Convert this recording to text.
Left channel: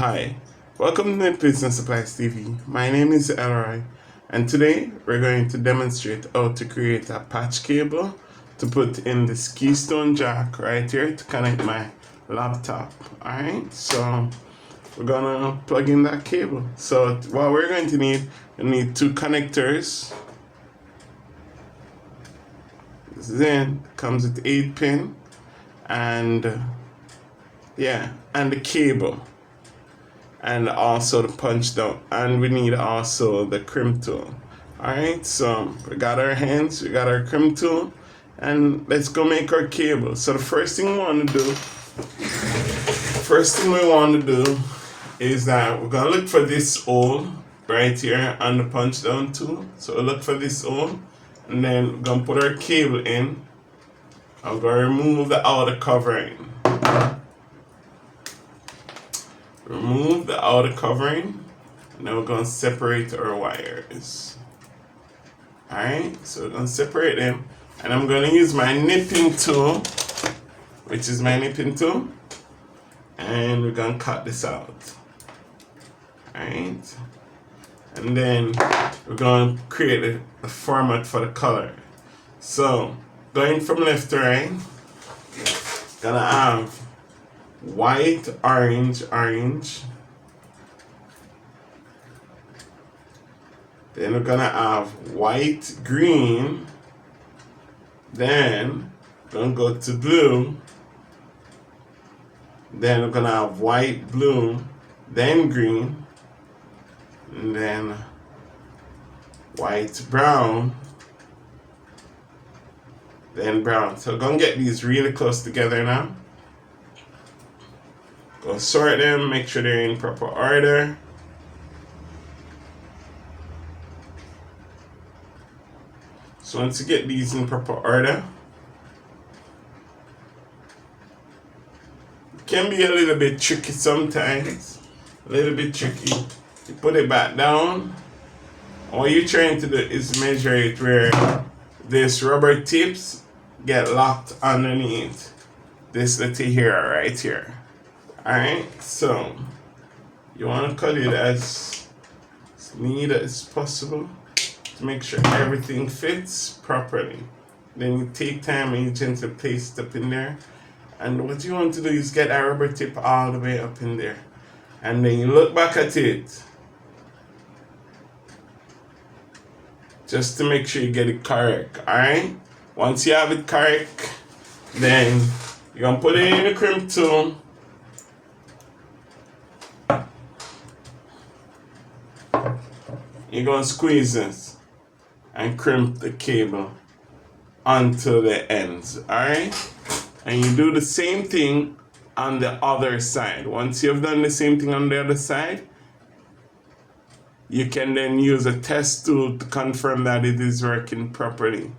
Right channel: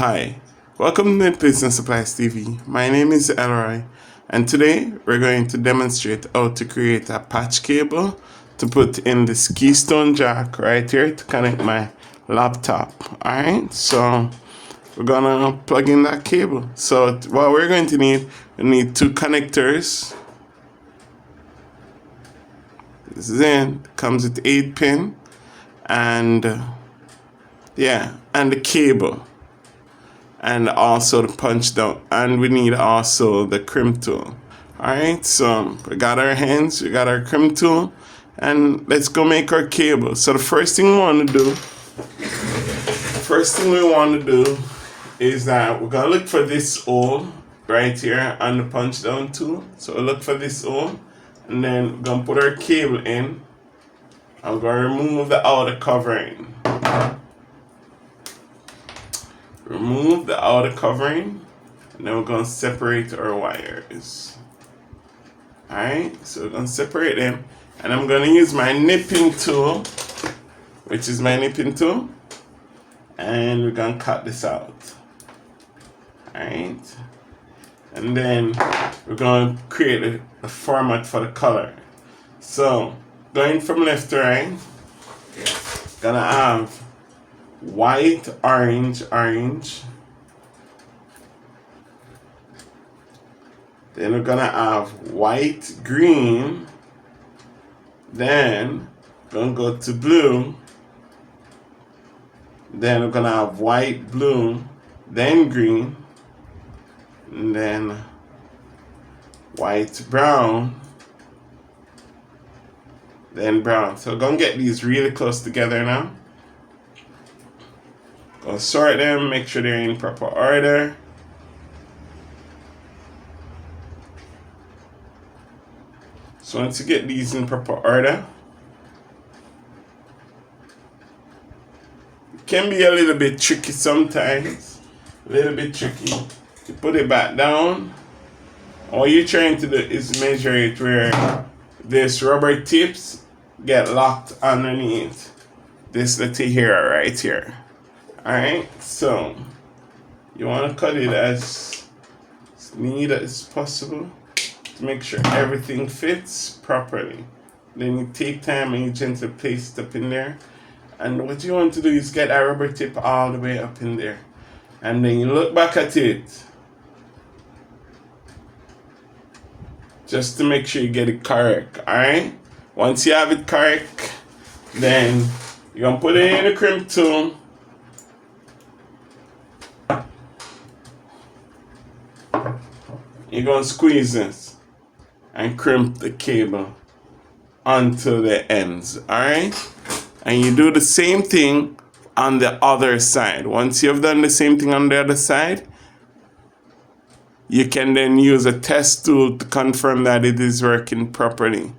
Hi, welcome to NETPLACE Supplies TV. My name is Elroy, and today we're going to demonstrate how to create a patch cable to put in this keystone jack right here to connect my laptop. Alright, so we're gonna plug in that cable. So what we're going to need, we need two connectors. This is in, comes with 8 pin, and and the cable. And also the punch down, and we need also the crimp tool. All right, so we got our hands, we got our crimp tool, and let's go make our cable. So the first thing we want to do is that we're gonna look for this hole right here on the punch down tool. So we look for this hole, and then we're gonna put our cable in. I'm gonna remove the outer covering. Remove the outer covering, and then we're going to separate our wires. Alright, so we're going to separate them, and I'm going to use my nipping tool, which is my nipping tool, and we're going to cut this out. Alright, and then we're going to create a format for the color. So, going from left to right, gonna have white, orange. Then we're gonna have white, green. Then we're gonna go to blue. Then we're gonna have white, blue, then green, and then white, brown, then brown. So we're gonna get these really close together now. Go sort them, make sure they're in proper order. So once you get these in proper order, it can be a little bit tricky sometimes. A little bit tricky. You put it back down. All you're trying to do is measure it where this rubber tips get locked underneath this little here, right here. Alright, so you want to cut it as neat as possible to make sure everything fits properly. Then you take time and you gently place it up in there. And what you want to do is get that rubber tip all the way up in there. And then you look back at it just to make sure you get it correct. Alright? Once you have it correct, then you're going to put it in the crimp tool. You're going to squeeze this and crimp the cable onto the ends, alright? And you do the same thing on the other side. Once you've done the same thing on the other side, you can then use a test tool to confirm that it is working properly.